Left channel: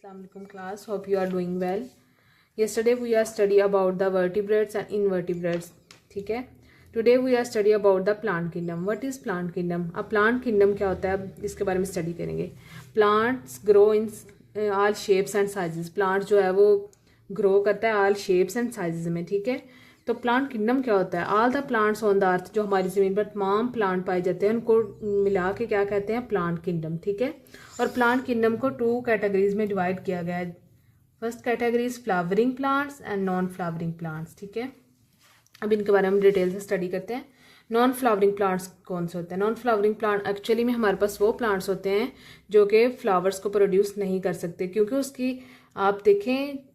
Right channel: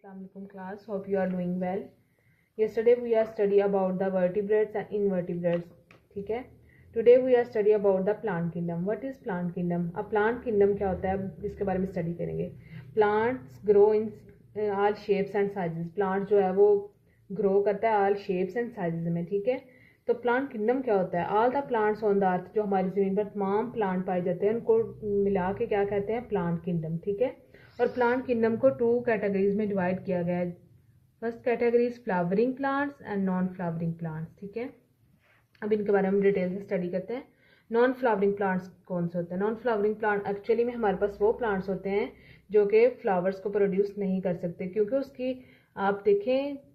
Assalamualaikum class. Hope you are doing well. Yesterday we are study about the vertebrates and invertebrates. ठीक है. Today we are study about the plant kingdom. What is plant kingdom? अब plant kingdom क्या होता है, अब इसके बारे में study करेंगे. Plants grow in all shapes and sizes. Plant जो है वो grow करता है all shapes and sizes में. ठीक है. तो प्लांट किंगडम क्या होता है? All the plants on the earth, जो हमारी ज़मीन पर तमाम प्लांट पाए जाते हैं उनको मिला के क्या कहते हैं? Plant kingdom. ठीक है. और प्लांट किंगडम को 2 कैटेगरीज में डिवाइड किया गया है. First category is flowering plants and non flowering plants. ठीक है. अब इनके बारे में हम डिटेल से स्टडी करते हैं. नॉन फ्लावरिंग प्लांट्स कौन से होते हैं? नॉन फ्लावरिंग प्लांट एक्चुअली में हमारे पास वो प्लांट्स होते हैं जो कि फ्लावर्स को प्रोड्यूस नहीं कर सकते, क्योंकि उसकी आप देखें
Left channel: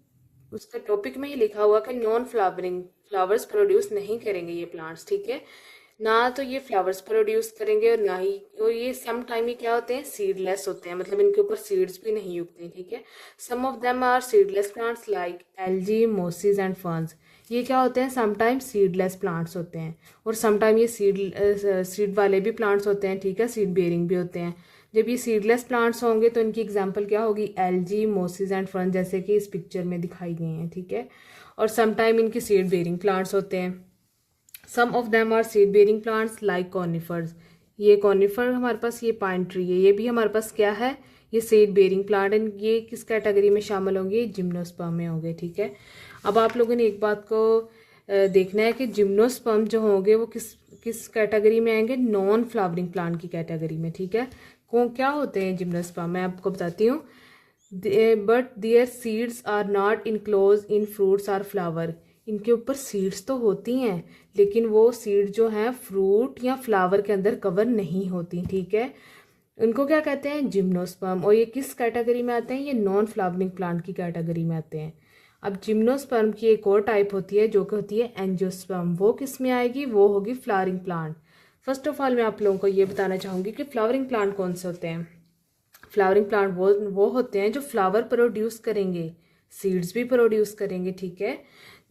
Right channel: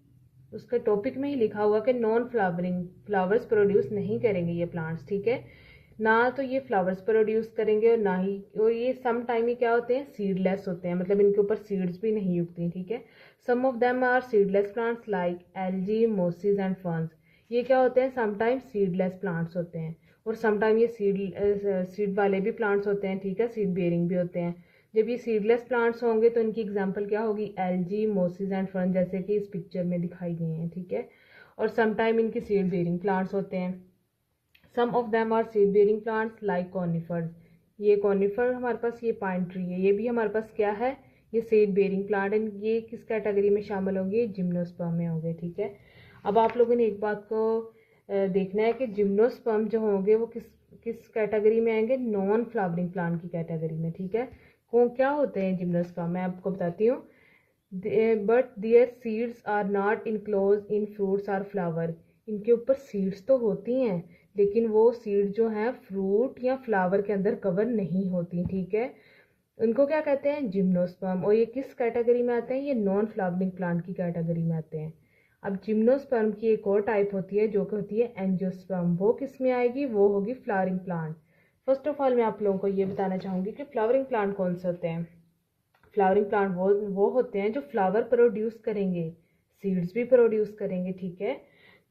उसका टॉपिक में ही लिखा हुआ कि नॉन फ्लावरिंग, फ्लावर्स प्रोड्यूस नहीं करेंगे ये प्लांट्स. ठीक है. ना तो ये फ्लावर्स प्रोड्यूस करेंगे और ना ही और ये सम टाइम ये क्या होते हैं? सीडलेस होते हैं, मतलब इनके ऊपर सीड्स भी नहीं उगती. ठीक है. Some of them are seedless plants like algae, mosses and ferns. ये क्या होते हैं? समटाइम सीडलेस प्लांट्स होते हैं और समटाइम ये सीड वाले भी प्लांट्स होते हैं. ठीक है. सीड बेयरिंग भी होते हैं. जब ये सीडलेस प्लांट्स होंगे तो इनकी एग्जांपल क्या होगी? एल्गी, मोसिस एंड फर्न, जैसे कि इस पिक्चर में दिखाई गई हैं. ठीक है. और समटाइम इनके सीड बेयरिंग प्लांट्स होते हैं. Some of them are seed bearing plants like conifers. ये कॉनिफर हमारे पास, ये पाइन ट्री है, ये भी हमारे पास क्या है? ये सीड बेयरिंग प्लांट है. ये किस कैटेगरी में शामिल होंगे? जिम्नोस्पर्म में होंगे. ठीक है. अब आप लोगों ने एक बात को देखना है कि जिम्नोस्पर्म जो होंगे वो किस कैटेगरी में आएंगे? नॉन फ्लावरिंग प्लांट की कैटेगरी में. ठीक है. क्या होते हैं जिम्नोस्पर्म? मैं आपको बताती हूँ. But their seeds are not enclose in fruits or flower. इनके ऊपर सीड्स तो होती हैं लेकिन वो सीड जो हैं फ्रूट या फ्लावर के अंदर कवर नहीं होती. ठीक है. उनको क्या कहते हैं? जिम्नोस्पर्म. और ये किस कैटेगरी में आते हैं? ये नॉन फ्लावरिंग प्लांट की कैटेगरी में आते हैं. अब जिम्नोस्पर्म की एक और टाइप होती है जो कि होती है एंजियोस्पर्म. वो किस में आएगी? वो होगी flowering plant. First of all मैं आप लोगों को ये बताना चाहूँगी कि फ्लावरिंग प्लांट कौन से होते हैं. फ्लावरिंग प्लांट वो होते हैं जो फ्लावर प्रोड्यूस करेंगे, सीड्स भी प्रोड्यूस करेंगे. ठीक है.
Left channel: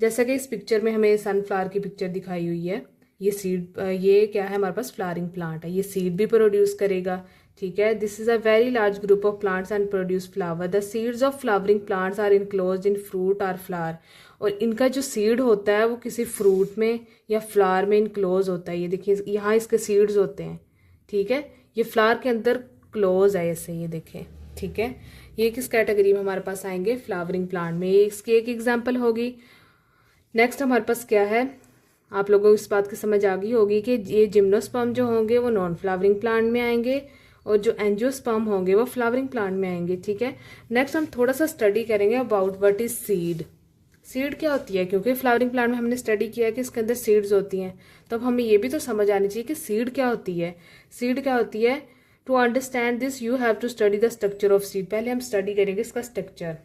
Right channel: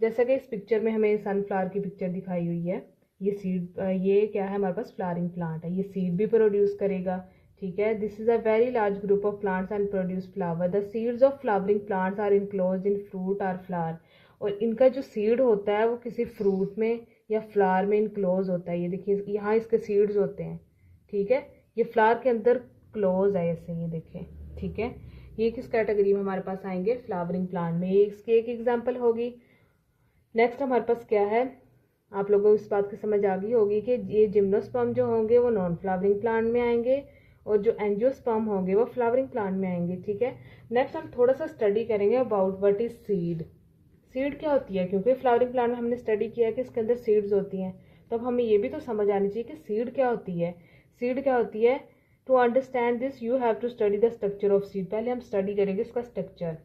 जैसा कि इस पिक्चर में हमें सनफ्लावर की पिक्चर दिखाई हुई है. ये सीड, ये क्या है? हमारे पास फ्लावरिंग प्लांट है. ये सीड भी प्रोड्यूस करेगा. ठीक है. This is a very large group of plants and produce flower. The seeds of flowering plants are enclosed in fruit और फ्लावर. और इनका जो सीड होता है वो किसी फ्रूट में या फ्लावर में इनक्लोज होता है. ये देखिए यहाँ इसके सीड्स होते हैं. ठीक है. ये फ्लावर के अंदर क्लोज है ऐसे, ये देखें. ठीक है. ये किस कैटेगरी में हमारे पास आएंगे? फ्लावरिंग प्लांट में. ये इसकी एक एग्जांपल होगी. नेक्स्ट हमारे पास क्या है? आप लोगों को इस बात की समझ आ गई होगी कि ये जिम्नोस्पर्म जो होंगे वो नॉन फ्लावरिंग प्लांट में आएंगे और जो एंजियोस्पर्म होंगे वो फ्लावरिंग प्लांट में आएंगे. ठीक है. नेक्स्ट हम थोड़ा सा स्टडी करेंगे about what is seed. Seed क्या होती है? क्योंकि फ्लावरिंग प्लांट में हमने स्टडी किया है कि इसके अंदर सीड्स होती हैं, तो अब हमें ये भी तो समझ आनी चाहिए कि सीड क्या होती है. सीड क्या होती है? To understand this you have to study the structure of seed. पहले हम स्टडी करेंगे इसका structure.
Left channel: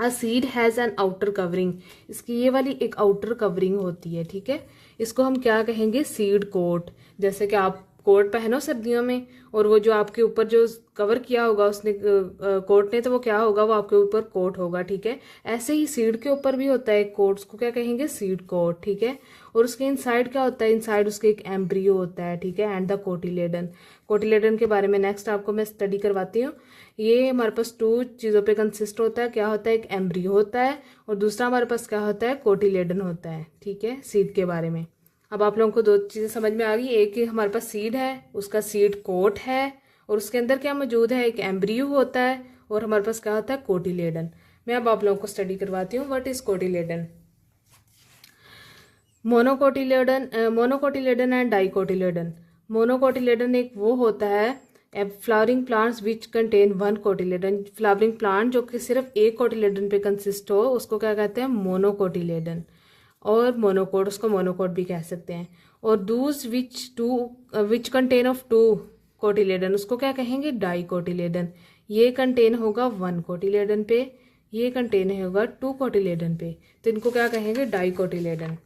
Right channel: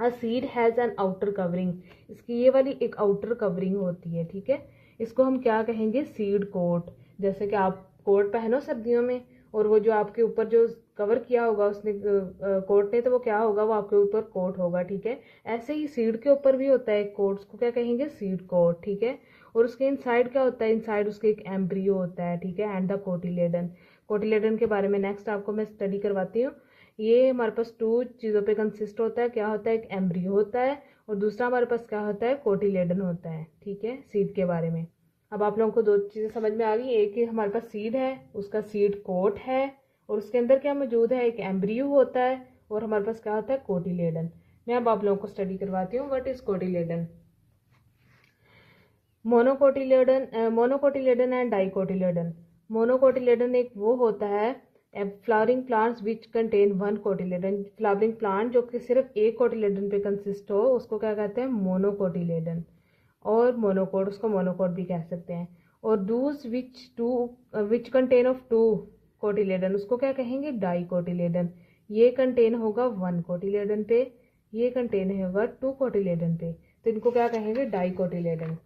A seed has an outer covering. इसकी ये वाली एक आउटर कवरिंग होती है. ठीक है. इसको हम क्या कहेंगे? Seed coat. जैसे कि आप कोट पहनो सर्दियों में और वो जो आपके ऊपर जो कवर किया होगा उसने कोट ने, तो वो क्या होगा? वो आपके ऊपर कोट होगा. ठीक है. ऐसे ही सीड के ऊपर भी होता है कोट. उसको क्या कहेंगे? Seed coat. ठीक है. और उसके इनसाइड क्या होता है? इनसाइड उसके एक एम्ब्रियो होता है. ठीक है. And the cotyledon. कोटिलेडन के बारे में नेक्स्ट आपको मैं स्टडी करवाती हूँ. ये हमारे पास 2 चीज़ों पे कंसिस्ट होता है. क्या होता है? एक एम्ब्रियो होता है और दूसरा हमारे पास क्या होता है? कोटिलेडन होता है. ठीक है. सीड के बारे में अब आप लोगों को 2 चीज़ें समझ में आ गई. एक हमारे पास सीड है, उसका सीड कोट है और उसके अंदर क्या मौजूद है? एक एम्ब्रियो होता है और हमारे पास क्या होता है? कोटिलेडन. मैं अब आप लोगों को स्टडी करवाती हूँ. What is cotyledon? Monocotyledon and dicotyledon. Monocotyledon एक वो होता है flowering plants which contain 1 cotyledon. Flowering plant जो कि सिर्फ एक कोटिलेडन पे कंसिस्ट हो उसको क्या कहते हैं? मोनोकोटिलेडन. और मोनोकोट, उसको मोनोकोट भी कह सकते हैं. और दूस विच कंटेन ऑफ 2 कोटिलेडन, उसको क्या कहेंगे? डाइकोटिलेडन. ये कंटेन होगा 1 कोटिलेडन पे, ये कंटेन होगा 2 कोटिलेडन पे, तो इनको क्या कहेंगे? डाइकोटिलेडन.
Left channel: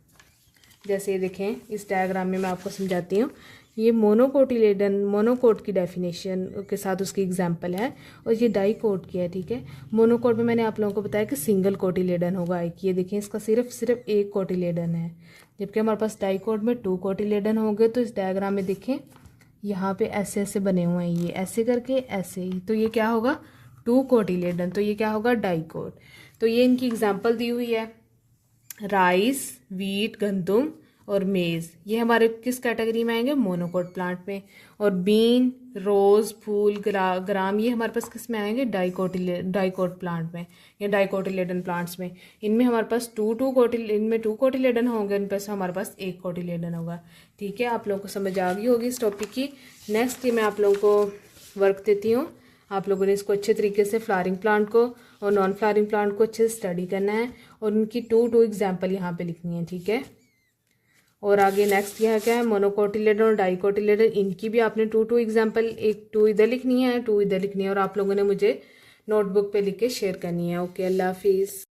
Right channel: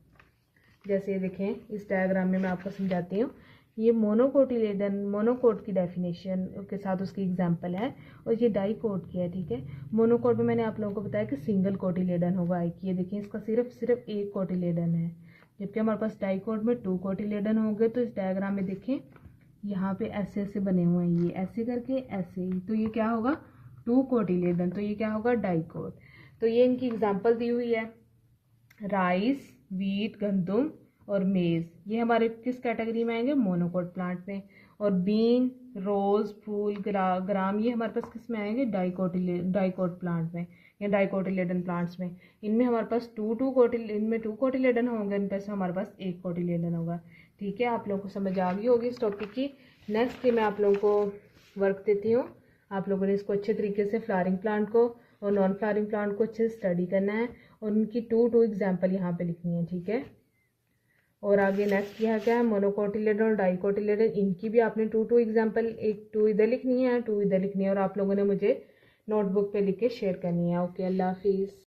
जैसे ये देखें इस डायग्राम में मैं आपको समझाती हूँ. ये मोनोकोटिलेडन, मोनोकोट की डेफिनेशन के साथ उसकी एग्जांपल है और ये डाइकोट की है. ठीक है. मोनोकोट में मैंने आप लोगों को बताया कि सिंगल कोटिलेडन होगा एक. ये देखिए इसका सिर्फ एक कोटिलेडन है, जबकि हमारे पास डाइकोट में 2 कोटिलेडन होंगे. तो इस डायग्राम में देखें यहाँ पे ऐसे ऐसे बने हुए हैं, ये ऐसे करके ऐसे ही, तो ये क्या होगा? 2 कोटिलेडन, तो ये क्या होगा, डाइकोट। तो ये इनकी एग्जाम्पल दी हुई है, राइस, वीट, गंदम और मेज़, ये हमारे किस कैटेगरी में आएंगे, मोनोकोट प्लांट में। और बीन, रोज, फूल, ग्राम, ये हमारे पास किस में आएंगे, डाइकोट प्लांट में या डाइकोटिलेडन प्लांट्स में। इनमें हमारे पास इनमें 2 कोटिलेडन होंगे, इन पर से हमारे पास 1 कोटिलेडन होगा। ठीक है, आप लोगों को समझ आ गई होगी इस टॉपिक की। नेक्स्ट ये मैं आप लोगों को वर्क देती हूँ, आप लोगों ने इसको अच्छे तरीके से फ्लावरिंग प्लांट को और नॉन फ्लावरिंग प्लांट को अच्छे से स्टडी करना है और उनकी 2 एग्जाम्पल यहाँ पे लिखनी है। ठीक है, और आगे नेक्स्ट यहाँ क्या है, मोनोकोटिलेडन और डाइकोटिलेडन, इनकी भी आपने 2 एग्जाम्पल, एक 2 इधर लिखनी है, 2 इधर लिखनी है, और आप लोगों ने मुझे नोटबुक पे लिख के शेयर करनी है। ओके, अल्लाह हाफिज़।